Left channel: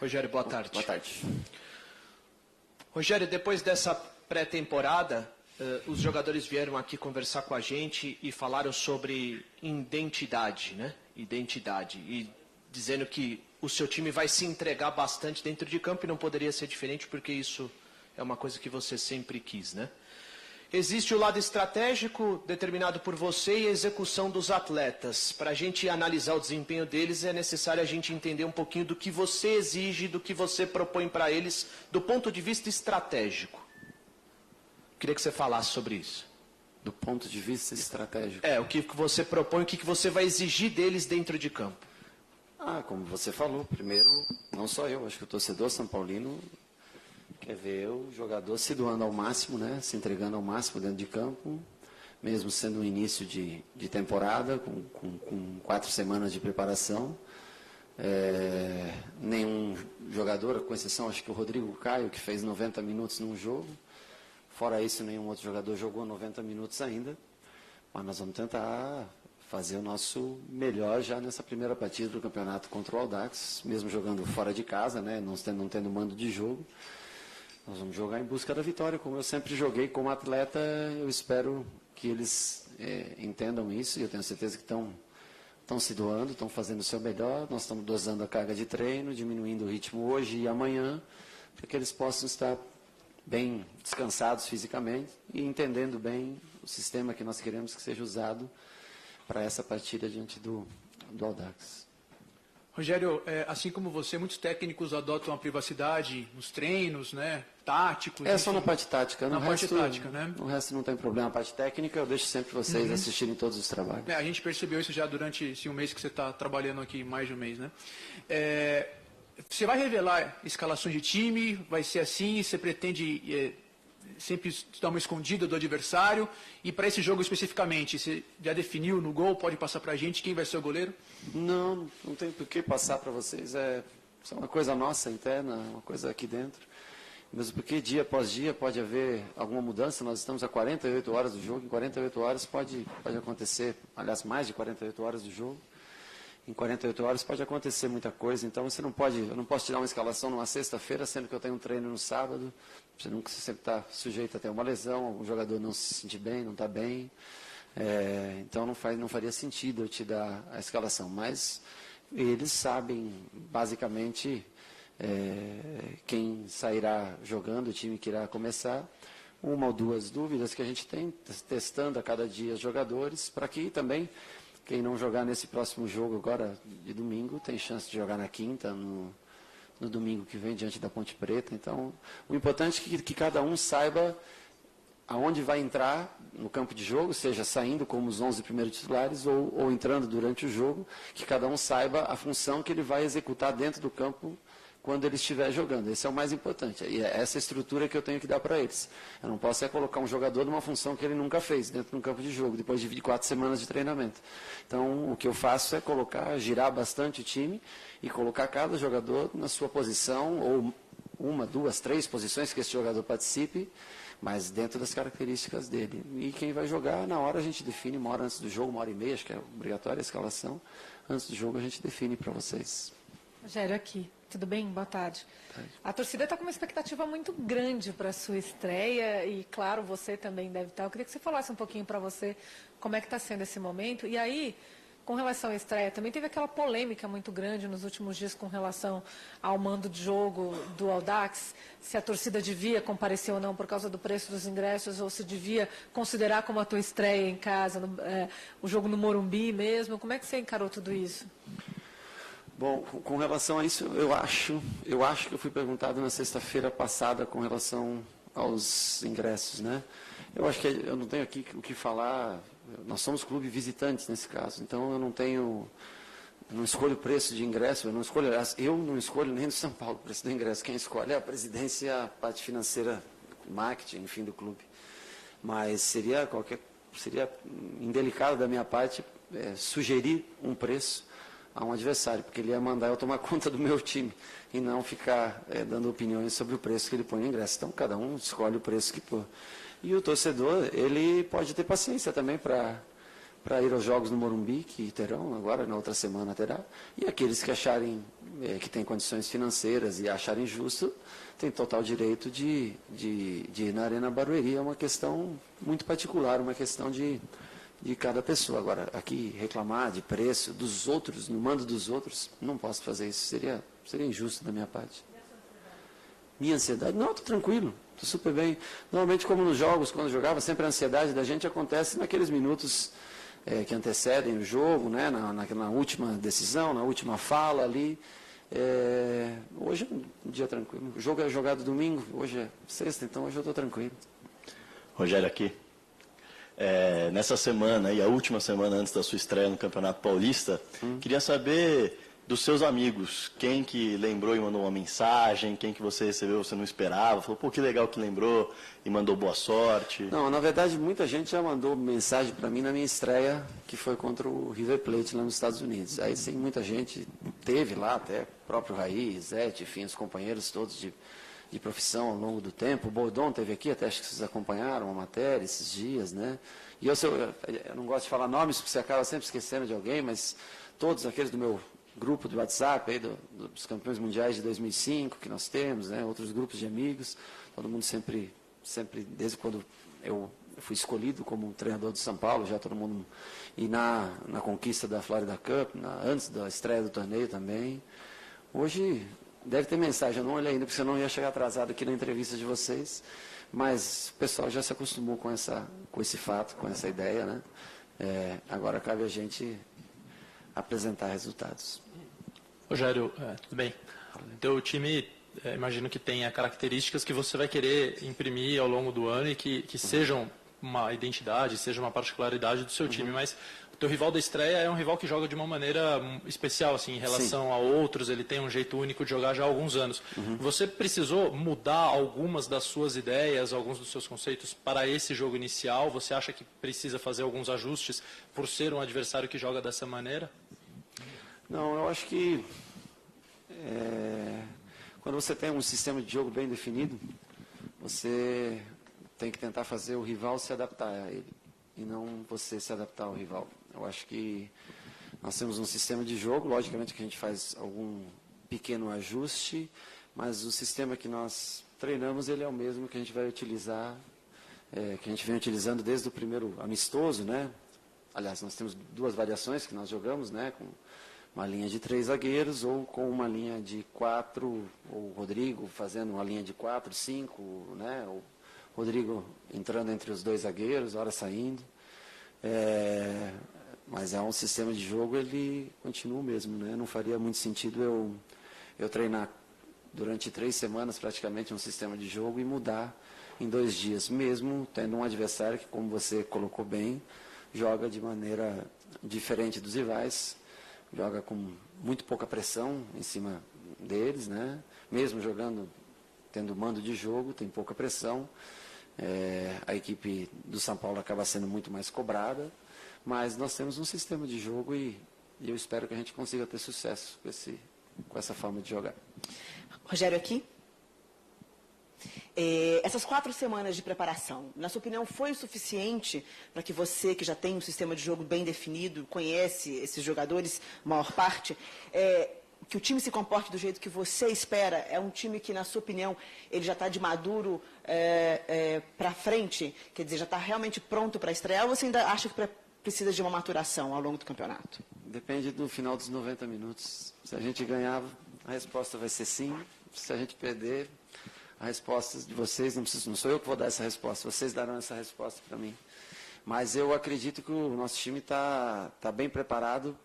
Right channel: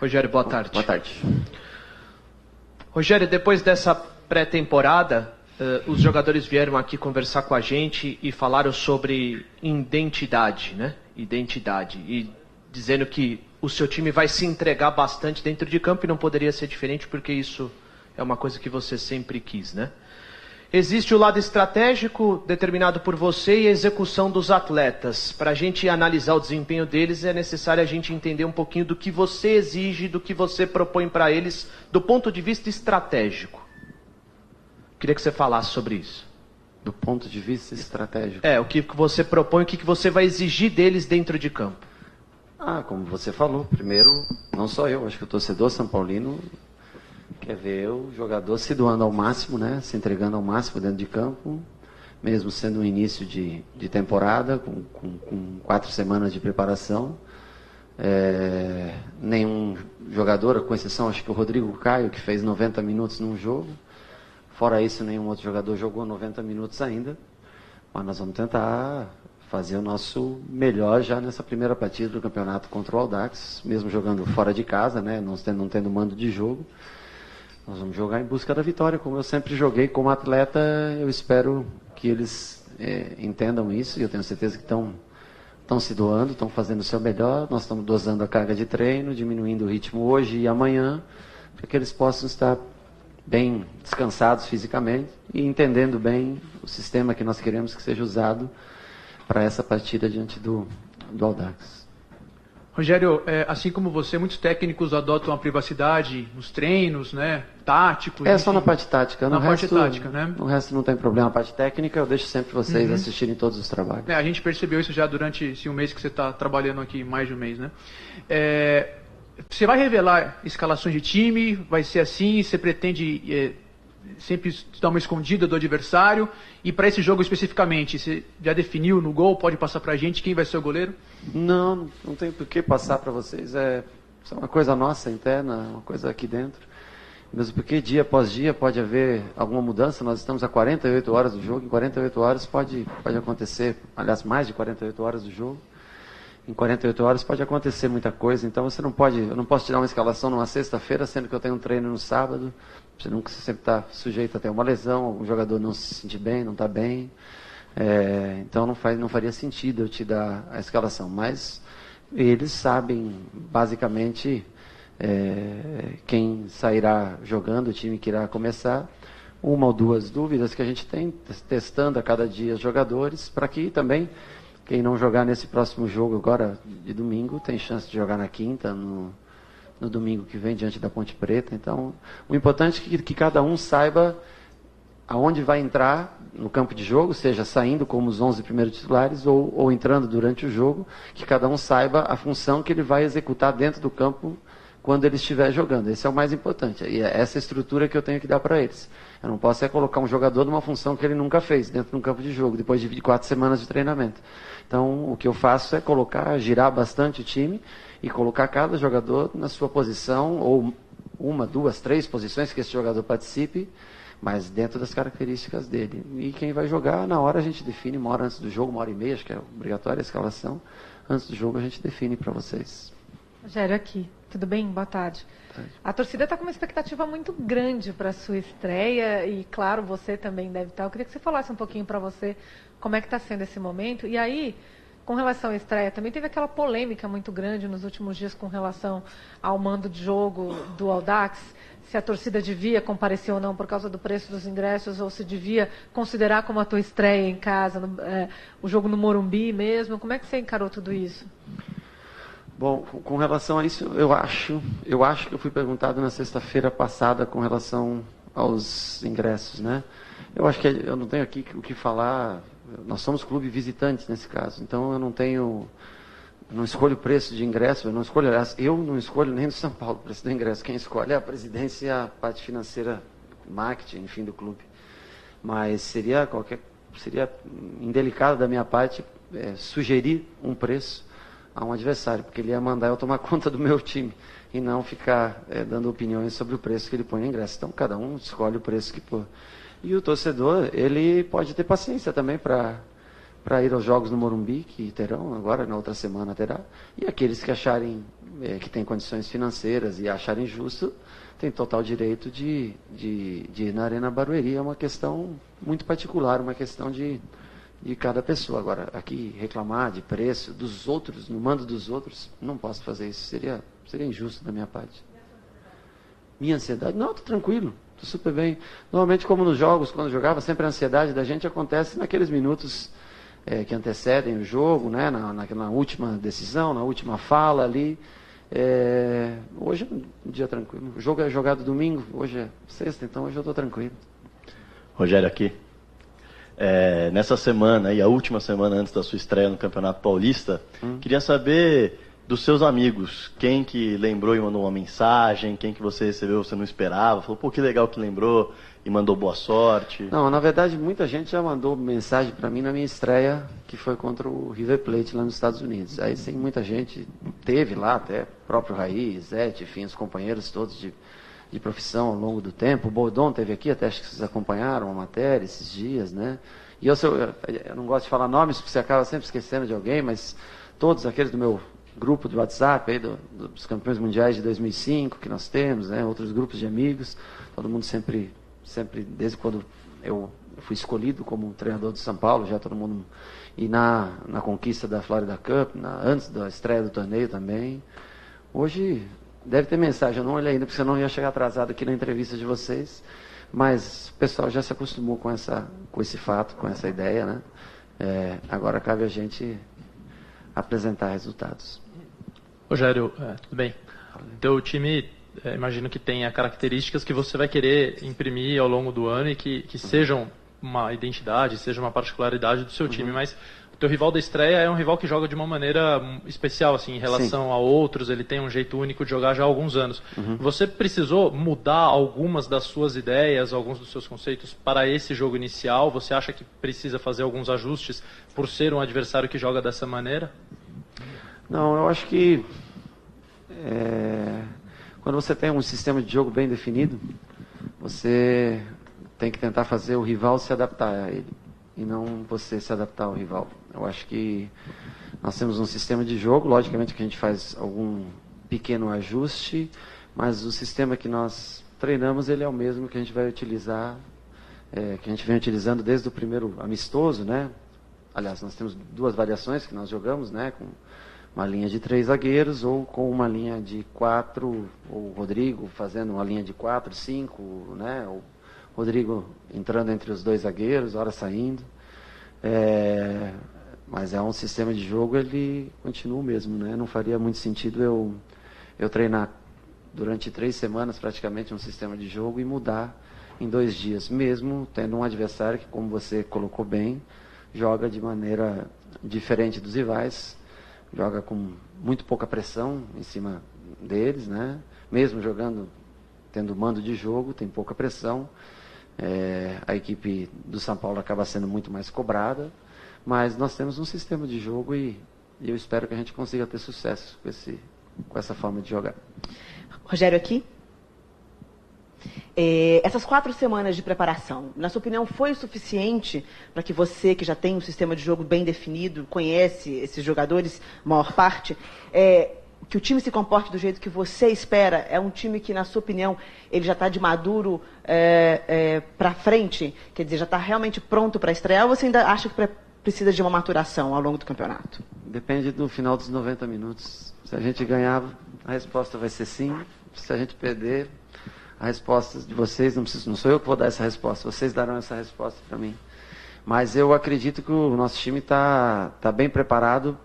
Rogério, boa tarde. Boa tarde. Rogério, depois dessa pré-temporada, os jogadores vieram aqui conversar com a gente e falaram sobre identidade, né? Identidade. E dizendo que o seu time vai se entregar bastante dentro de campo e não poderia ser diferente porque isso é uma coisa que você sempre quis, né? Existe o lado estratégico determinado por você e a execução dos atletas. Para a gente analisar o desempenho deles, é necessário a gente entender um pouquinho do que você exige, do que você propõe para eles, do ponto de vista estratégico. Queria que você falasse sobre isso. Do ponto de vista estratégico? O que você propõe, o que você vai exigir deles dentro de campo. Como você falou, primeiro, não só eu, acho que o torcedor São Paulino quer ver o jogador se doando ao máximo, né? Se entregando ao máximo dentro de campo, mesmo sendo um início de temporada, com 4 semanas de preparação. Nenhum jogador, com exceção, acho que o Rodrigo Caio, que fez 90 minutos num jogo. Fora isso, nenhum outro jogador jogou 90 minutos ainda. Mas nós vamos tentar fazer o nosso melhor já nessa primeira partida do campeonato contra o Audax, mesmo jogando fora de casa, né? Não tendo mando de jogo. Nós vamos jogar em busca da vitória, como eu sempre joguei como atleta. Eu espero que eles entendam isso, e eu tenho certeza que estão se doando, estão fazendo o seu melhor. Nós estamos dosando a carga de treino, diminuindo o ritmo hoje e amanhã, para que eles possam estar bem descansados fisicamente e entendendo bem o sistema que nós queremos que seja usado para essa partida diante do Audax. Rogério, assim como você, muitos técnicos adotam a privacidade nos treinos, né, táticos. Só na parte tática. Na parte tática, né? No resto não tem problema. A parte técnica eu deixo sempre vocês assistirem todos os trabalhos. A gente percebeu isso já durante esse mês que você está trabalhando aqui, mais de um mês, né? Você vai revelar escalações de time? Vai ser assim? Você pretende sempre dar uma escondida do adversário? E para esse jogo especificamente, você já definiu no gol? Pode passar para a gente quem vai ser o goleiro? Não tem por que passar para vocês. Isso é uma coisa nossa, interna, uma coisa aqui dentro. Mesmo porque dia após dia pode haver alguma mudança. Nós estamos a 48 horas do jogo. Em 48 horas pode acontecer, aliás, mais de 48 horas do jogo. Em 48 horas pode acontecer muita coisa. Então eu não posso te dar uma escalação numa sexta-feira, sendo que eu tenho um treino no sábado. Você sempre está sujeito a ter uma lesão, o jogador não se sentir bem, não está bem. Então não faria sentido eu te dar a escalação. Mas eles sabem, basicamente, quem sairá jogando, o time que irá começar. Uma ou duas dúvidas que a gente tem, testando a cada dia os jogadores, para que também quem não jogar nesse próximo jogo agora de domingo tem chance de jogar na quinta, no domingo que vem, diante da Ponte Preta. Então, o importante é que cada um saiba aonde vai entrar no campo de jogo, seja saindo como os 11 primeiros titulares ou entrando durante o jogo, que cada um saiba a função que ele vai executar dentro do campo quando ele estiver jogando. Esse é o mais importante. E é essa estrutura que eu tenho que dar para eles. Eu não posso colocar um jogador numa função que ele nunca fez dentro de um campo de jogo, depois de 4 semanas de treinamento. Então, o que eu faço é girar bastante o time e colocar cada jogador na sua posição, ou 1, 2, 3 posições que esse jogador participe, mas dentro das características dele. E quem vai jogar, na hora a gente define, 1 hora antes do jogo, 1h30, acho que é obrigatória a escalação. Antes do jogo a gente define para vocês. Rogério, aqui. Tudo bem? Boa tarde. A torcida está com uma expectativa muito grande para a sua estreia e, claro, você também deve estar. Eu queria que você falasse um pouquinho para você como é que está sendo esse momento. E aí, com relação à estreia, também teve aquela polêmica muito grande nos últimos dias com relação ao mando de jogo do Audax, se a torcida devia comparecer ou não por causa do preço dos ingressos, ou se devia considerar como a tua estreia em casa, o jogo no Morumbi mesmo. Como é que você encarou tudo isso? Bom, com relação a isso, eu acho que eu fui perguntado na sexta-feira passada com relação aos ingressos, né? Eu acho que eu não tenho aqui o que falar. Nós somos clube visitantes nesse caso, então eu não escolho o preço de ingresso, eu não escolho nem no São Paulo o preço do ingresso. Quem escolhe é a presidência e a parte financeira, marketing, enfim, do clube. Mas seria indelicado da minha parte sugerir um preço a um adversário, porque ele ia mandar eu tomar conta do meu time e não ficar dando opiniões sobre o preço que ele põe no ingresso. Então, cada um escolhe o preço que pôr. E o torcedor, ele pode ter paciência também para para ir aos jogos no Morumbi, que terão agora, na outra semana terá, e aqueles que acharem que têm condições financeiras e acharem justo, têm total direito de ir na Arena Barueri. É uma questão muito particular, uma questão de cada pessoa. Agora, aqui reclamar de preço dos outros, no mando dos outros, não posso fazer isso, seria injusto da minha parte. Minha ansiedade? Não, estou tranquilo, estou super bem. Normalmente, como nos jogos, quando eu jogava, sempre a ansiedade da gente acontece naqueles minutos que antecedem o jogo, né? Na última decisão, na última fala ali. Hoje é um dia tranquilo. O jogo é jogado domingo, hoje é sexta, então hoje eu estou tranquilo. Rogério aqui. Nessa semana, a última semana antes da sua estreia no Campeonato Paulista, queria saber dos seus amigos, quem que lembrou e mandou uma mensagem, quem que você recebeu, você não esperava, falou, pô, que legal que lembrou e mandou boa sorte. Não, na verdade, muita gente já mandou mensagem para mim na minha estreia, que foi contra o River Plate lá nos Estados Unidos. Aí sim, muita gente teve lá, até o próprio Raí, Zete, enfim, os companheiros todos de profissão ao longo do tempo. O Bordon teve aqui, até acho que vocês acompanharam a matéria esses dias, né? E eu não gosto de falar nomes, porque você acaba sempre esquecendo de alguém, mas todos aqueles do meu grupo do WhatsApp, aí dos campeões mundiais de 2005 que nós temos, né? Outros grupos de amigos, todo mundo sempre, desde quando eu fui escolhido como treinador de São Paulo, já todo mundo, e na conquista da Florida Cup, antes da estreia do torneio também. Hoje deve ter mensagem, eu não olhei ainda, porque senão eu ia chegar atrasado aqui na entrevista de vocês, mas o pessoal já se acostumou com esse fato, com essa ideia, né? Agora cabe a gente apresentar resultados. Rogério, tudo bem? Teu time, imagino que tenha características que você vai querer imprimir ao longo do ano e que sejam uma identidade, seja uma particularidade do seu time, mas o teu rival da estreia é um rival que joga de uma maneira especial, assim, em relação a outros, ele tem um jeito único de jogar já há alguns anos. Você precisou mudar algumas das suas ideias, alguns dos seus conceitos para esse jogo inicial? Você acha que precisa fazer alguns ajustes por ser um adversário que joga dessa maneira? Não, eu acho que quando você tem um sistema de jogo bem definido, você tem que tentar fazer o rival se adaptar a ele, e não você se adaptar ao rival. Eu acho que nós temos um sistema de jogo, logicamente que a gente faz algum pequeno ajuste, mas o sistema que nós treinamos, ele é o mesmo que a gente vai utilizar, que a gente vem utilizando desde o primeiro amistoso, né? Aliás, nós temos duas variações que nós jogamos, né? Com uma linha de 3 zagueiros ou com uma linha de 4, o Rodrigo fazendo uma linha de 4, 5, né? O Rodrigo entrando entre os 2 zagueiros, hora saindo. Mas é um sistema de jogo, ele continua o mesmo, né? Não faria muito sentido eu treinar durante 3 semanas praticamente um sistema de jogo e mudar em 2 dias, mesmo tendo um adversário que, como você colocou bem, joga de maneira diferente dos rivais, joga com muito pouca pressão em cima deles, né? Mesmo tendo mando de jogo, tem pouca pressão. A equipe do São Paulo acaba sendo muito mais cobrada, mas nós temos um sistema de jogo e eu espero que a gente consiga ter sucesso com essa forma de jogar. Rogério aqui. Essas 4 semanas de preparação, na sua opinião, foi o suficiente para que você, que já tem um sistema de jogo bem definido, conhece esses jogadores, maior parte, que o time se comporte do jeito que você espera? É um time que, na sua opinião, ele já está de maduro para frente? Quer dizer, já está realmente pronto para estrear ou você ainda acha que precisa de uma maturação ao longo do campeonato? Depende do final dos 90 minutos. Se a gente ganhar, a resposta vai ser sim. Se a gente perder, a resposta de vocês, não sou eu que vou dar essa resposta, vocês darão essa resposta para mim. Mas eu acredito que o nosso time está bem preparado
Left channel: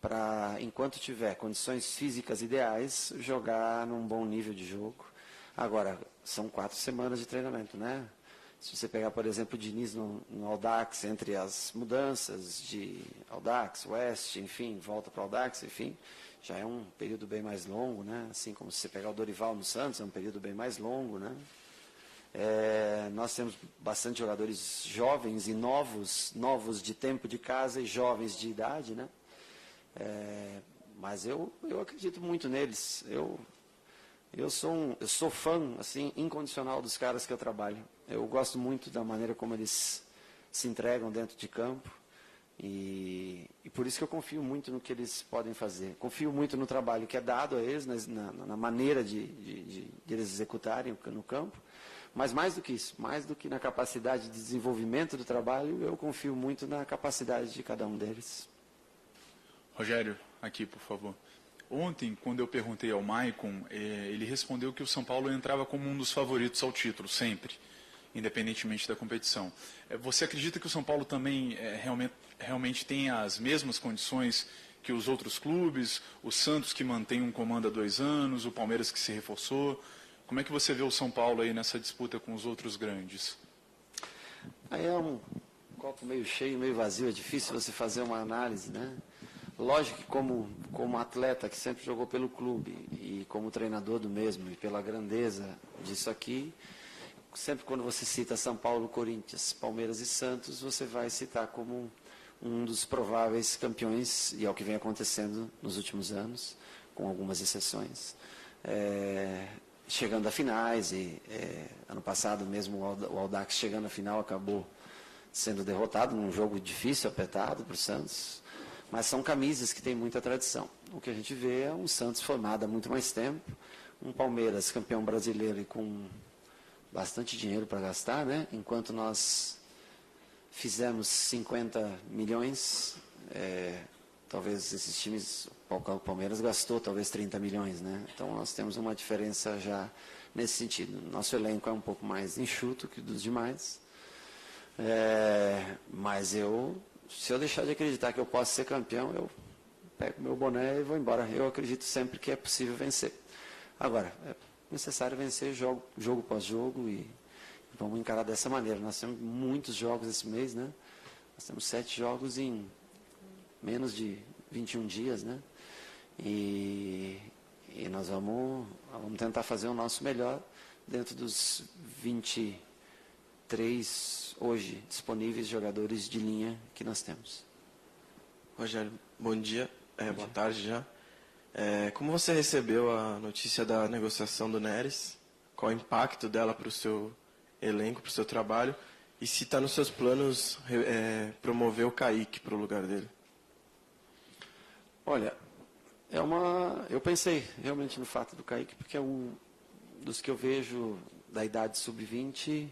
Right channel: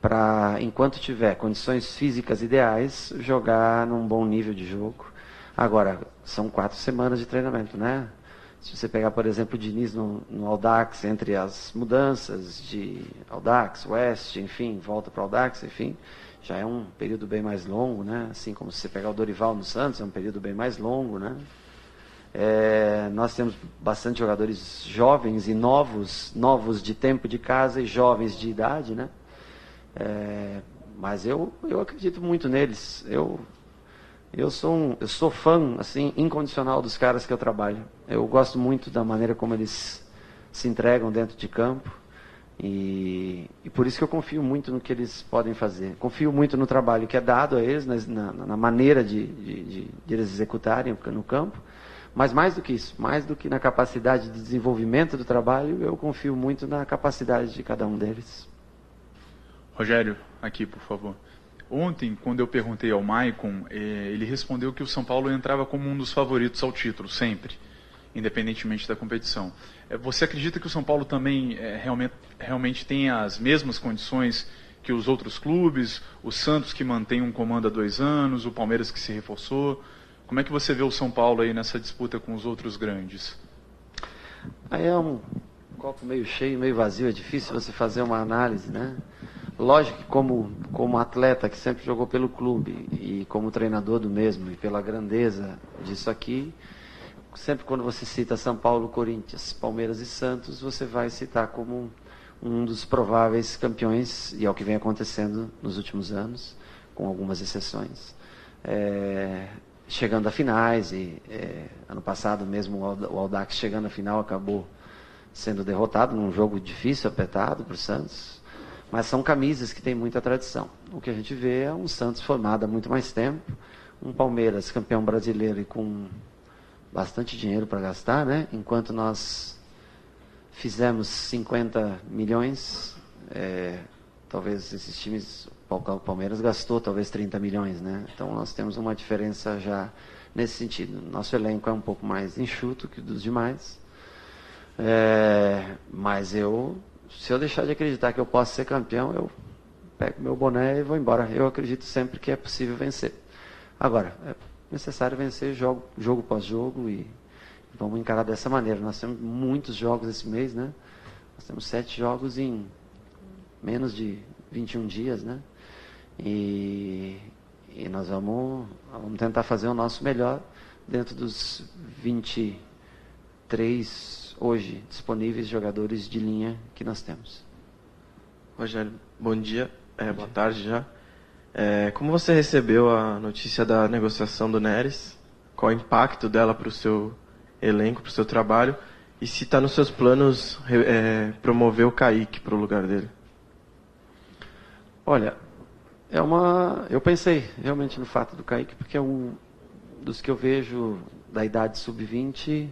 para, enquanto tiver condições físicas ideais, jogar num bom nível de jogo. Agora, são 4 semanas de treinamento, né? Se você pegar, por exemplo, o Diniz no Audax, entre as mudanças de Audax, West, enfim, volta para o Audax, enfim, já é um período bem mais longo, né? Assim como se você pegar o Dorival no Santos, é um período bem mais longo, né? Nós temos bastante jogadores jovens e novos de tempo de casa e jovens de idade, né? Mas eu acredito muito neles. Eu sou fã, assim, incondicional dos caras que eu trabalho. Eu gosto muito da maneira como eles se entregam dentro de campo. E por isso que eu confio muito no que eles podem fazer. Confio muito no trabalho que é dado a eles, na maneira de eles executarem no campo. Mas mais do que isso, mais do que na capacidade de desenvolvimento do trabalho, eu confio muito na capacidade de cada um deles. Rogério, aqui, por favor. Ontem, quando eu perguntei ao Maicon, ele respondeu que o São Paulo entrava como um dos favoritos ao título, sempre, independentemente da competição. Você acredita que o São Paulo também realmente tem as mesmas condições que os outros clubes? O Santos, que mantém um comando há 2 anos, o Palmeiras, que se reforçou. Como é que você vê o São Paulo aí nessa disputa com os outros grandes? Aí é um copo meio cheio, meio vazio, é difícil você fazer uma análise, né? Lógico que como atleta que sempre jogou pelo clube e como treinador do mesmo e pela grandeza disso aqui, sempre quando você cita São Paulo, Corinthians, Palmeiras e Santos, você vai citar como um dos prováveis campeões, e é o que vem acontecendo nos últimos anos, com algumas exceções. Chegando a finais, e ano passado mesmo o Audax chegando à final acabou sendo derrotado num jogo difícil, apertado para o Santos, mas são camisas que têm muita tradição. O que a gente vê é um Santos formado há muito mais tempo, um Palmeiras campeão brasileiro e com bastante dinheiro para gastar, né? Enquanto nós fizemos 50 milhões, talvez esses times, o Palmeiras gastou talvez 30 milhões, né? Então nós temos uma diferença já nesse sentido. Nosso elenco é um pouco mais enxuto que dos demais, mas se eu deixar de acreditar que eu posso ser campeão, eu pego meu boné e vou embora. Eu acredito sempre que é possível vencer. Agora, é necessário vencer jogo após jogo e vamos encarar dessa maneira. Nós temos muitos jogos esse mês, né? Nós temos 7 jogos em menos de 21 dias, né? E nós vamos tentar fazer o nosso melhor dentro dos 23 hoje disponíveis jogadores de linha que nós temos. Rogério, bom dia. Boa tarde já. Como você recebeu a notícia da negociação do Neres? Qual o impacto dela para o seu elenco, para o seu trabalho? E se está nos seus planos promover o Kaique para o lugar dele? Olha, eu pensei realmente no fato do Kaique, porque é um dos que eu vejo da idade sub-20,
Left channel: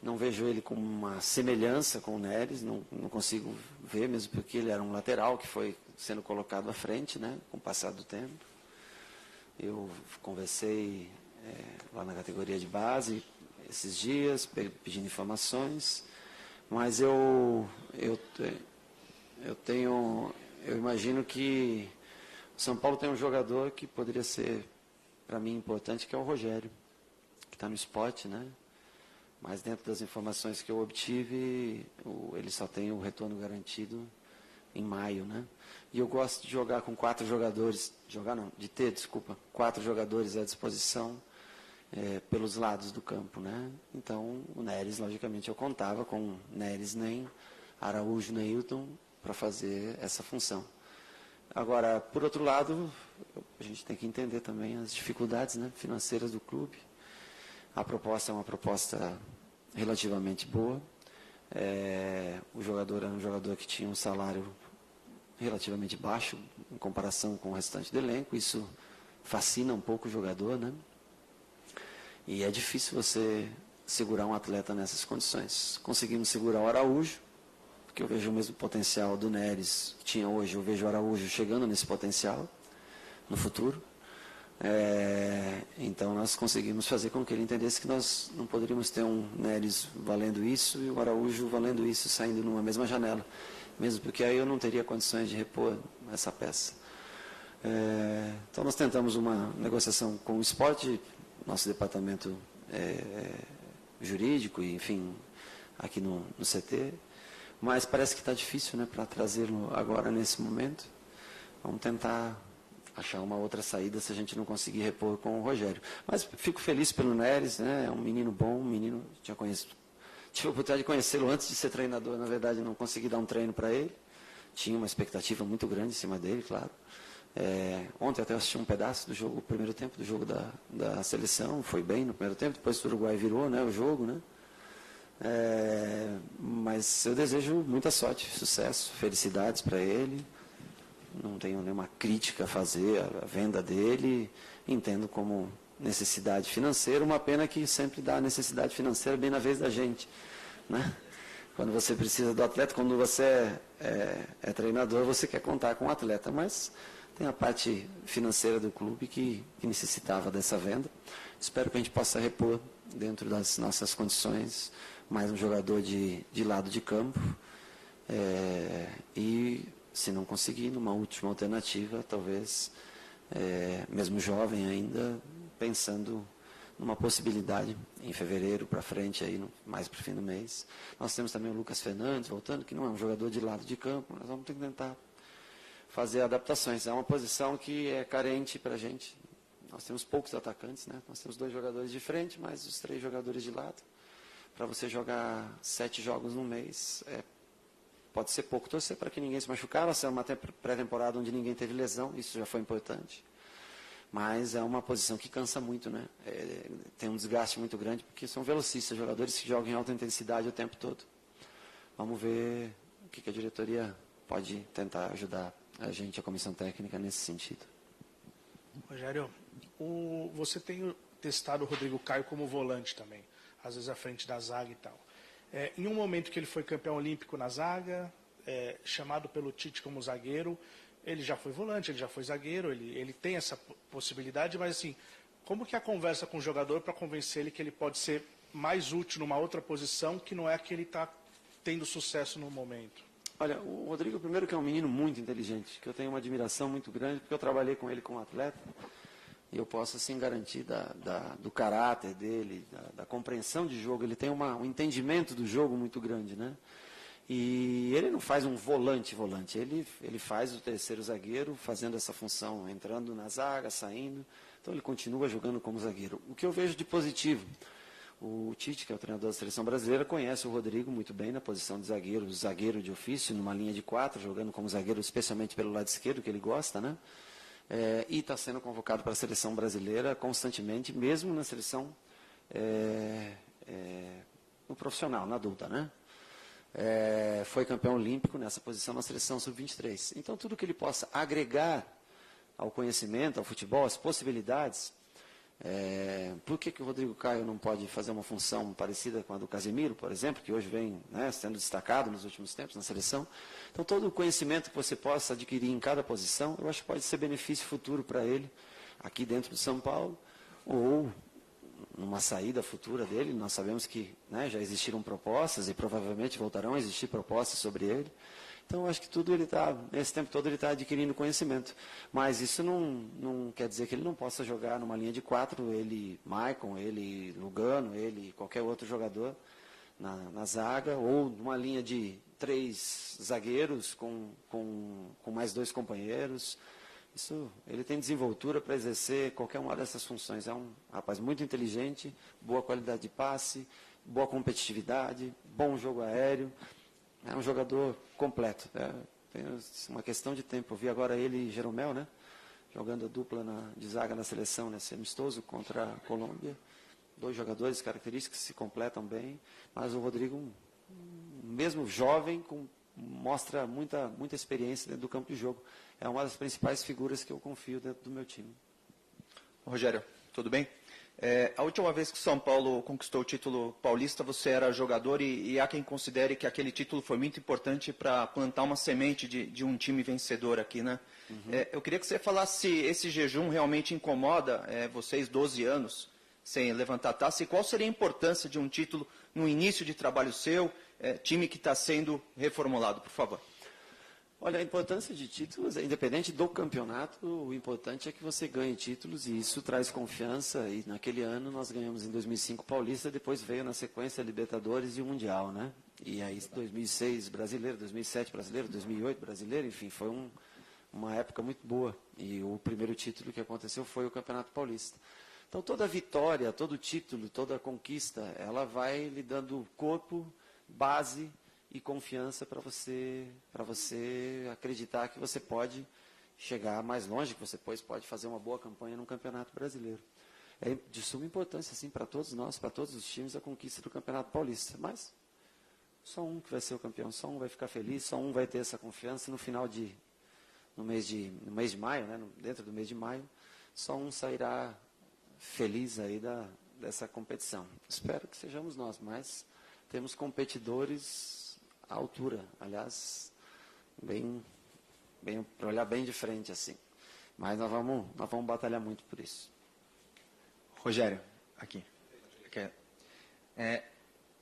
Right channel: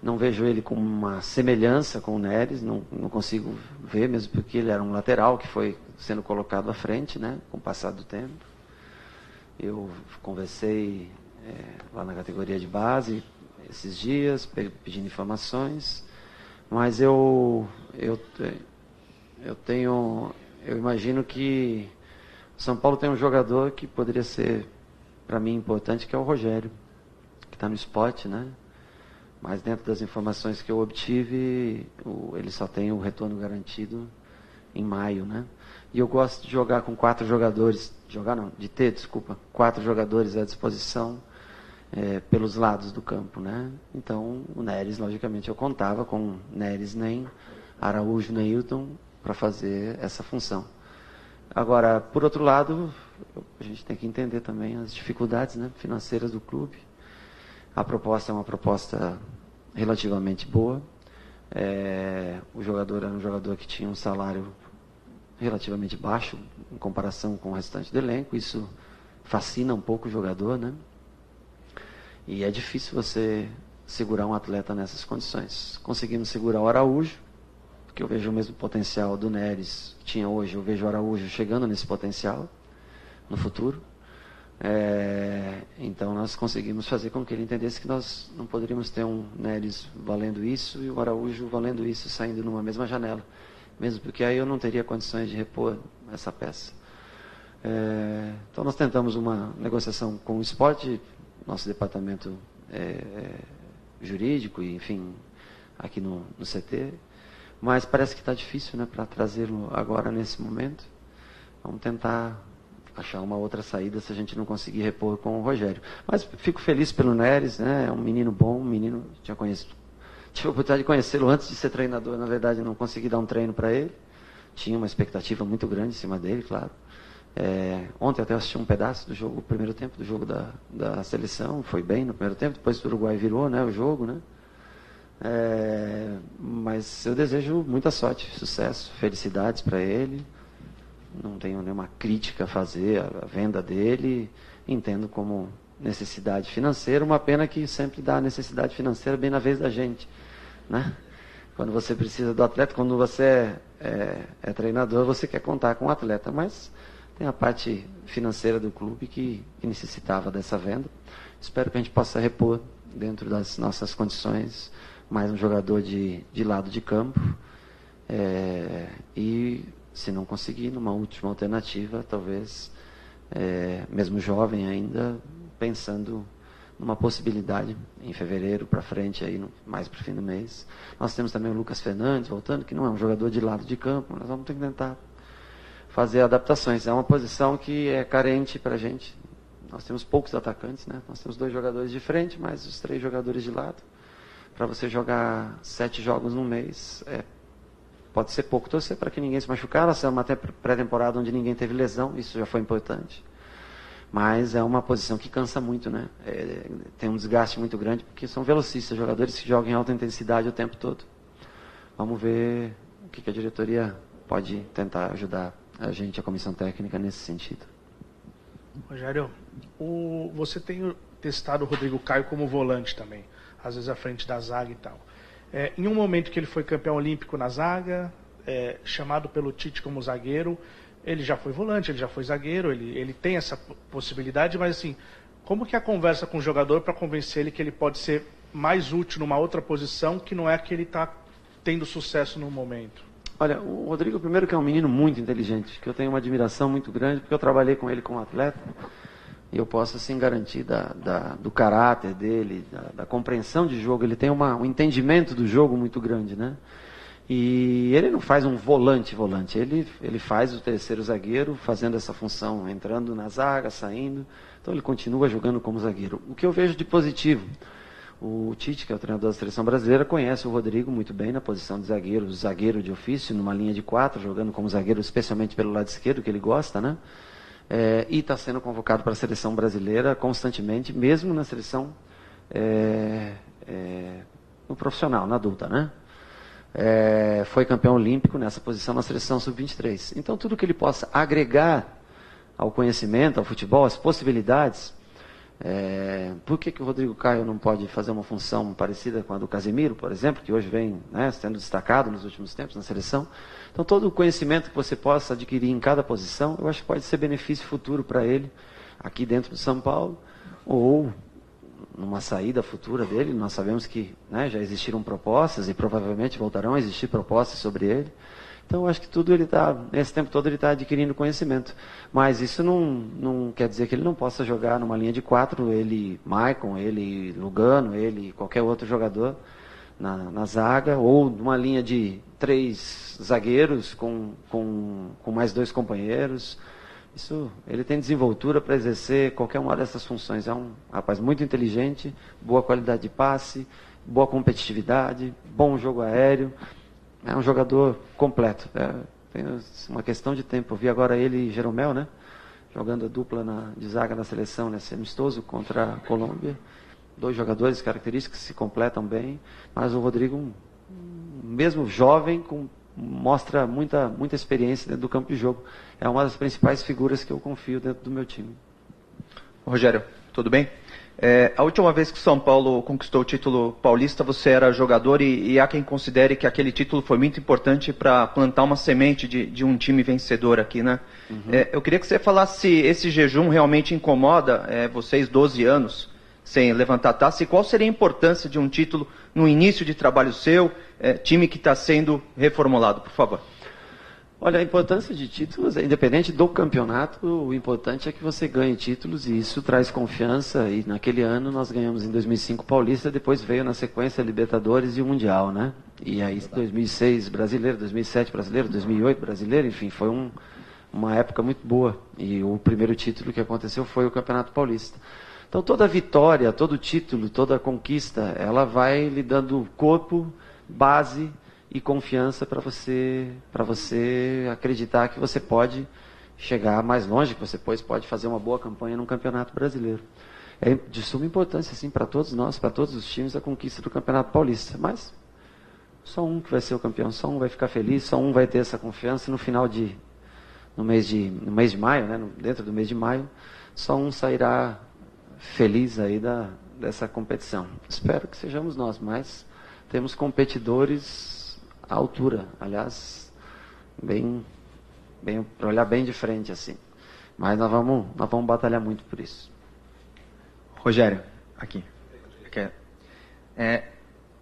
não vejo ele com uma semelhança com o Neres, não consigo ver, mesmo porque ele era um lateral que foi sendo colocado à frente, né, com o passar do tempo. Eu conversei lá na categoria de base esses dias, pedindo informações, mas eu imagino que o São Paulo tem um jogador que poderia ser, para mim, importante, que é o Rogério, que está no Sport, né? Mas dentro das informações que eu obtive, ele só tem o retorno garantido em maio, né? E eu gosto de jogar com 4 jogadores, de ter 4 jogadores à disposição pelos lados do campo, né? Então, o Neres, logicamente, eu contava com Neres, nem Araújo, nem Hilton, para fazer essa função. Agora, por outro lado, a gente tem que entender também as dificuldades, né, financeiras do clube. A proposta é uma proposta relativamente boa. O jogador era um jogador que tinha um salário relativamente baixo em comparação com o restante do elenco. Isso fascina um pouco o jogador, né? E é difícil você segurar um atleta nessas condições. Conseguimos segurar o Araújo, porque eu vejo o mesmo potencial do Neres que tinha hoje. Eu vejo o Araújo chegando nesse potencial no futuro. Então nós conseguimos fazer com que ele entendesse que nós não poderíamos ter um Neres valendo isso e o Araújo valendo isso, saindo numa mesma janela, mesmo porque aí eu não teria condições de repor essa peça. Então nós tentamos uma negociação com o Sport, nosso departamento jurídico e enfim aqui no CT, mas parece que está difícil, né, para trazê-lo agora nesse momento. Vamos tentar achar uma outra saída se a gente não conseguir repor com o Rogério. Mas fico feliz pelo Neres, né? É um menino bom, tive a oportunidade de conhecê-lo antes de ser treinador. Na verdade, não consegui dar um treino para ele. Tinha uma expectativa muito grande em cima dele, claro. Ontem até assisti um pedaço do jogo, o primeiro tempo do jogo da seleção. Foi bem no primeiro tempo, depois o Uruguai virou, né, o jogo, né? Mas eu desejo muita sorte, sucesso, felicidades para ele. Não tenho nenhuma crítica a fazer à venda dele. Entendo como necessidade financeira, uma pena que sempre dá necessidade financeira bem na vez da gente, né? Quando você precisa do atleta, quando você é treinador, você quer contar com o atleta, mas tem a parte financeira do clube que necessitava dessa venda. Espero que a gente possa repor dentro das nossas condições mais um jogador de lado de campo. E se não conseguir, numa última alternativa, talvez, mesmo jovem ainda, pensando numa possibilidade em fevereiro para frente, aí mais para o fim do mês. Nós temos também o Lucas Fernandes voltando, que não é um jogador de lado de campo, nós vamos ter que tentar fazer adaptações. É uma posição que é carente para a gente. Nós temos poucos atacantes, né? Nós temos 2 jogadores de frente, mais os 3 jogadores de lado. Para você jogar 7 jogos num mês, pode ser pouco. Torcer para que ninguém se machucar. Nós temos uma pré-temporada onde ninguém teve lesão, isso já foi importante. Mas é uma posição que cansa muito, né? Tem um desgaste muito grande, porque são velocistas, jogadores que jogam em alta intensidade o tempo todo. Vamos ver o que a diretoria pode tentar ajudar a gente, a comissão técnica, nesse sentido. Rogério, você tem testado o Rodrigo Caio como volante também, às vezes à frente da zaga e tal. Em um momento que ele foi campeão olímpico na zaga, chamado pelo Tite como zagueiro, ele já foi volante, ele já foi zagueiro, ele tem essa possibilidade, mas assim, como que é a conversa com o jogador para convencer ele que ele pode ser mais útil numa outra posição que não é que ele está tendo sucesso no momento? Olha, o Rodrigo, primeiro, que é um menino muito inteligente, que eu tenho uma admiração muito grande, porque eu trabalhei com ele como atleta, e eu posso, assim, garantir do caráter dele, da compreensão de jogo. Ele tem um entendimento do jogo muito grande, né? E ele não faz um volante, ele faz o terceiro zagueiro, fazendo essa função, entrando na zaga, saindo. Então ele continua jogando como zagueiro. O que eu vejo de positivo, o Tite, que é o treinador da seleção brasileira, conhece o Rodrigo muito bem na posição de zagueiro de ofício, numa linha de 4, jogando como zagueiro, especialmente pelo lado esquerdo, que ele gosta, né? E está sendo convocado para a seleção brasileira constantemente, mesmo na seleção no profissional, na adulta, né? Foi campeão olímpico nessa posição na seleção sub-23. Então, tudo que ele possa agregar ao conhecimento, ao futebol, às possibilidades. Por que o Rodrigo Caio não pode fazer uma função parecida com a do Casemiro, por exemplo, que hoje vem, né, sendo destacado nos últimos tempos na seleção? Então, todo o conhecimento que você possa adquirir em cada posição, eu acho que pode ser benefício futuro para ele, aqui dentro de São Paulo, ou numa saída futura dele. Nós sabemos que, né, já existiram propostas e provavelmente voltarão a existir propostas sobre ele. Então, eu acho que nesse tempo todo ele está adquirindo conhecimento. Mas isso não quer dizer que ele não possa jogar numa linha de 4, ele, Maicon, ele, Lugano, ele, qualquer outro jogador na zaga, ou numa linha de 3 zagueiros com mais 2 companheiros. Isso, ele tem desenvoltura para exercer qualquer uma dessas funções. É um rapaz muito inteligente, boa qualidade de passe, boa competitividade, bom jogo aéreo. É um jogador completo. Tem uma questão de tempo. Eu vi agora ele e Jeromel, né? Jogando a dupla de zaga na seleção, nesse amistoso contra a Colômbia. 2 jogadores característicos que se completam bem. Mas o Rodrigo, mesmo jovem, mostra muita experiência dentro do campo de jogo. É uma das principais figuras que eu confio dentro do meu time. Rogério, tudo bem? A última vez que o São Paulo conquistou o título paulista, você era jogador e há quem considere que aquele título foi muito importante para plantar uma semente de um time vencedor aqui, né? Uhum. Eu queria que você falasse se esse jejum realmente incomoda vocês 12 anos sem levantar taça, e qual seria a importância de um título no início de trabalho seu, time que está sendo reformulado, por favor. Olha, a importância de títulos, independente do campeonato, o importante é que você ganhe títulos, e isso traz confiança. E naquele ano nós ganhamos em 2005 Paulista, depois veio na sequência Libertadores e o Mundial, né? E aí 2006 brasileiro, 2007 brasileiro, 2008 brasileiro, enfim, foi uma época muito boa. E o primeiro título que aconteceu foi o Campeonato Paulista. Então toda vitória, todo título, toda conquista, ela vai lhe dando corpo, base e confiança para você acreditar que você pode chegar mais longe, que você pode fazer uma boa campanha num campeonato brasileiro. É de suma importância, assim, para todos nós, para todos os times, a conquista do Campeonato Paulista. Mas só um que vai ser o campeão, só um vai ficar feliz, só um vai ter essa confiança no mês de maio, né, dentro do mês de maio, só um sairá feliz aí dessa competição. Espero que sejamos nós, mas temos competidores à altura, aliás, para olhar bem de frente assim. Mas nós vamos batalhar muito por isso. Rogério, aqui.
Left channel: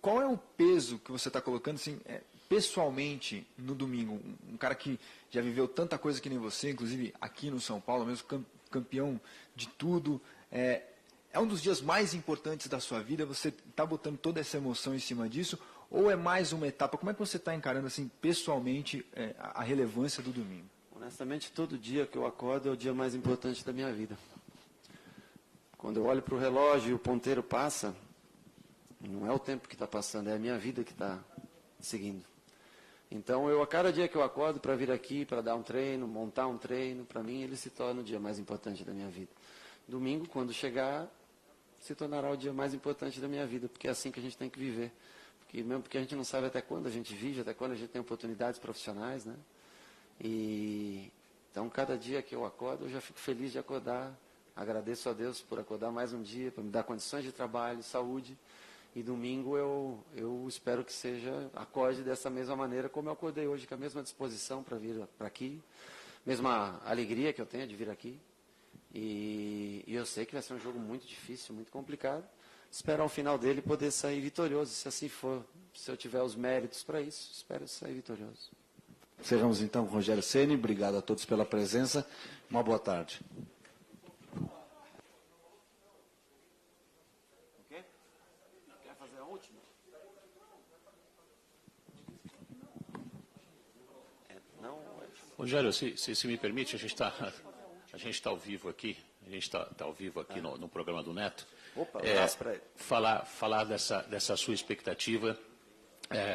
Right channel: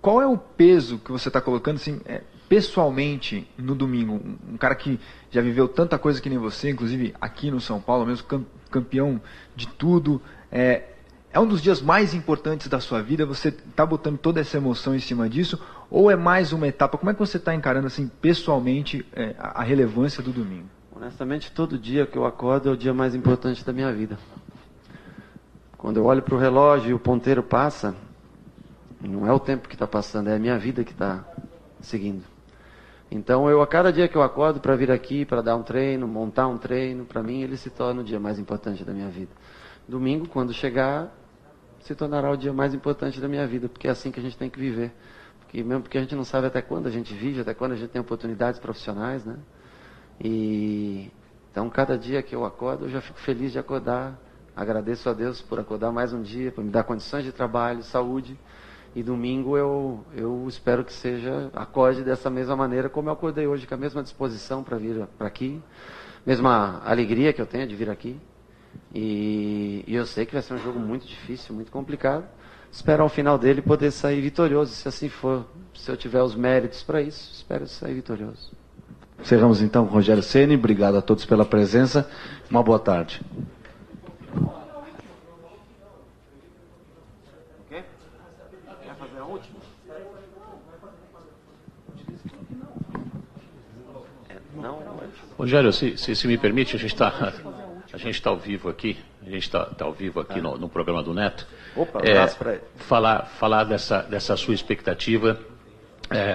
Qual é o peso que você está colocando, assim, pessoalmente, no domingo? Um cara que já viveu tanta coisa que nem você, inclusive aqui no São Paulo, mesmo campeão de tudo. É um dos dias mais importantes da sua vida? Você está botando toda essa emoção em cima disso? Ou é mais uma etapa? Como é que você está encarando, assim, pessoalmente, a relevância do domingo? Honestamente, todo dia que eu acordo é o dia mais importante da minha vida. Quando eu olho para o relógio e o ponteiro passa, não é o tempo que está passando, é a minha vida que está seguindo. Então, a cada dia que eu acordo para vir aqui, para dar um treino, montar um treino, para mim ele se torna o dia mais importante da minha vida. Domingo, quando chegar, se tornará o dia mais importante da minha vida, porque é assim que a gente tem que viver. Mesmo porque a gente não sabe até quando a gente vive, até quando a gente tem oportunidades profissionais, né? Então, cada dia que eu acordo, eu já fico feliz de acordar. Agradeço a Deus por acordar mais um dia, por me dar condições de trabalho, saúde. E domingo eu espero que acorde dessa mesma maneira, como eu acordei hoje, com a mesma disposição para vir para aqui, mesma alegria que eu tenho de vir aqui. E eu sei que vai ser um jogo muito difícil, muito complicado. Espero ao final dele poder sair vitorioso, se assim for, se eu tiver os méritos para isso, espero sair vitorioso. Encerramos então com Rogério Ceni. Obrigado a todos pela presença. Uma boa tarde. Rogério, se me permite, a gente está ao vivo aqui. A gente está ao vivo aqui no programa do Neto. Opa, um abraço para ele. Falar dessa sua expectativa.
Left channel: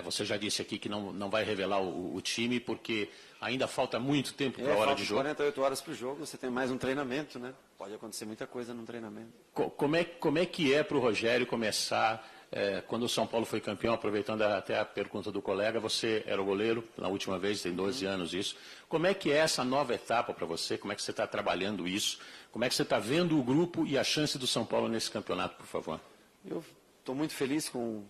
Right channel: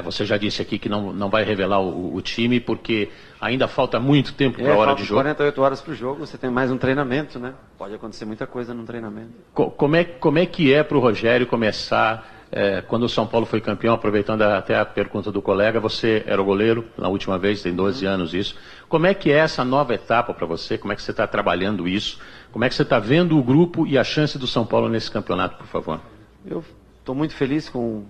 Você já disse aqui que não vai revelar o time, porque ainda falta muito tempo para a hora de jogo. 48 horas para o jogo, você tem mais um treinamento, né? Pode acontecer muita coisa no treinamento. Como é que é para o Rogério começar, quando o São Paulo foi campeão, aproveitando até a pergunta do colega, você era o goleiro na última vez, tem 12 anos isso. Como é que é essa nova etapa para você? Como é que você está trabalhando isso? Como é que você está vendo o grupo e a chance do São Paulo nesse campeonato, por favor? Eu estou muito feliz com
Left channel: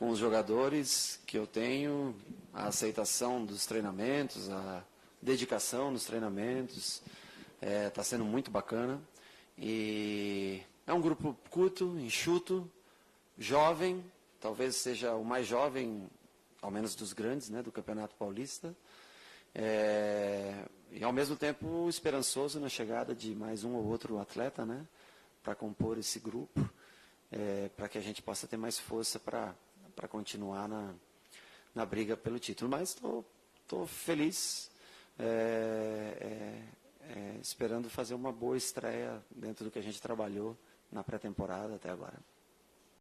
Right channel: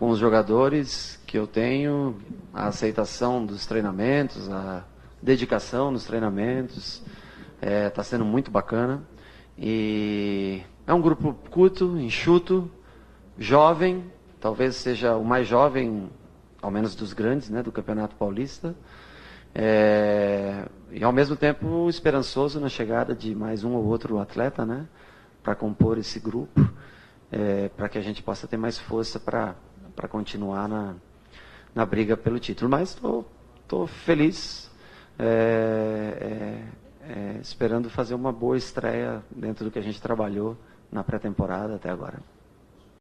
os jogadores que eu tenho, a aceitação dos treinamentos, a dedicação nos treinamentos, está sendo muito bacana. E é um grupo curto, enxuto, jovem, talvez seja o mais jovem, ao menos dos grandes, né, do Campeonato Paulista. E ao mesmo tempo esperançoso na chegada de mais um ou outro atleta, né, para compor esse grupo, para que a gente possa ter mais força para continuar na briga pelo título. Mas estou feliz, esperando fazer uma boa estreia dentro do que a gente trabalhou na pré-temporada até agora.